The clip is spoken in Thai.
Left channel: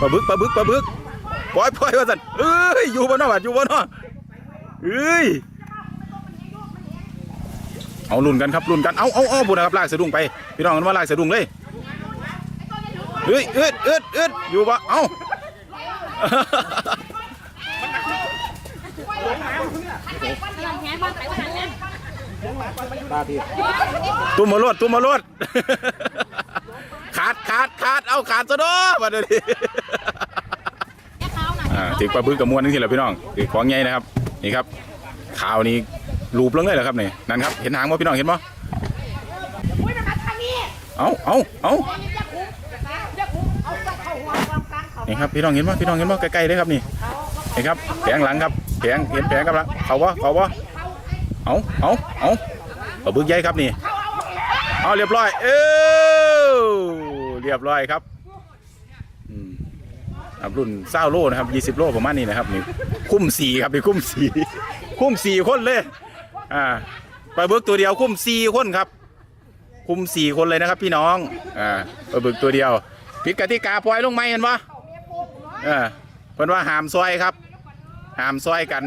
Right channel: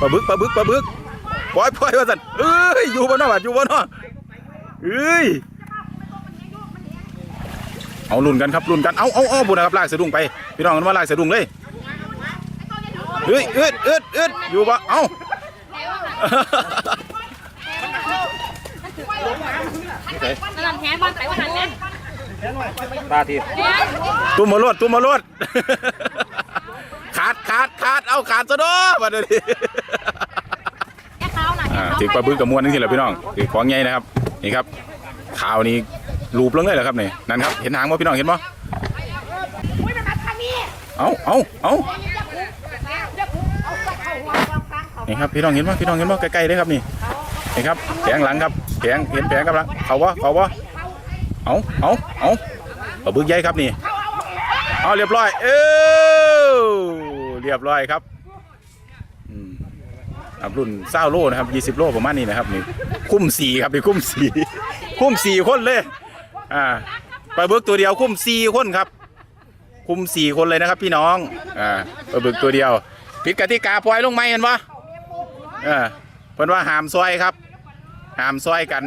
ปลาบึกปลาบึกปลาบึกปล่อยปล่อยว่าสันเอ้ยอยู่บนนอกอยู่บนนอกเอ้ยเอาลุ่นกันครับลุ่นกันเอาเอาเอาบุญนะครับลากสะดุ้งไปพี่น้องมันมาลากสะดุ้งเลยเฮ้ยอึดอึดอึดอยู่ปะเอ้ากำลังแฮบ้านไปวันนั้นเนี่ยตาที่ตุ้มมาลวดตุ้มมาลวด ขาดขาดขาดเอาขาดซะเด้อมาดูดิแค่เขาน่ะอ่าถึงปลาบึกกับมวนนี่สิแหละพี่น้องถือของใหญ่นะครับนี่ครับขาวนี่รูปลงเลยเหรอครับนี่นั่นครับเห็นหางบ่พี่น้องเห็นบ่เอาเอาเอานี่ครับพี่น้องเห็นบ่พี่น้องเห็นบ่ใกล้ๆเลยครับนี่นี่ครับแผงหลังครับแผงเห็นแผงกำลังเขาว่าเขาว่าเอาเอาเอาปลาบึกใหญ่ครับนี่เอาเรียบร้อยเออ เรียบร้อยครับครับรุ่นเศร้าโลนะครับยี่สิบโลประมาณนี้นะครับนี่คุ้มสี่ครับนี่คุ้มสี่คุ้มสี่คนเลย อ่าปลาบึกตัวเดียวคุ้มสี่คนครับ คุ้มสี่คนเลยนะครับ พี่น้อง อ่าปลาบึกตัวเดียวพิกติกาปล่อยลงไหมกันวะเออเพิ่นว่าหามซอยครับ หามซอยกัน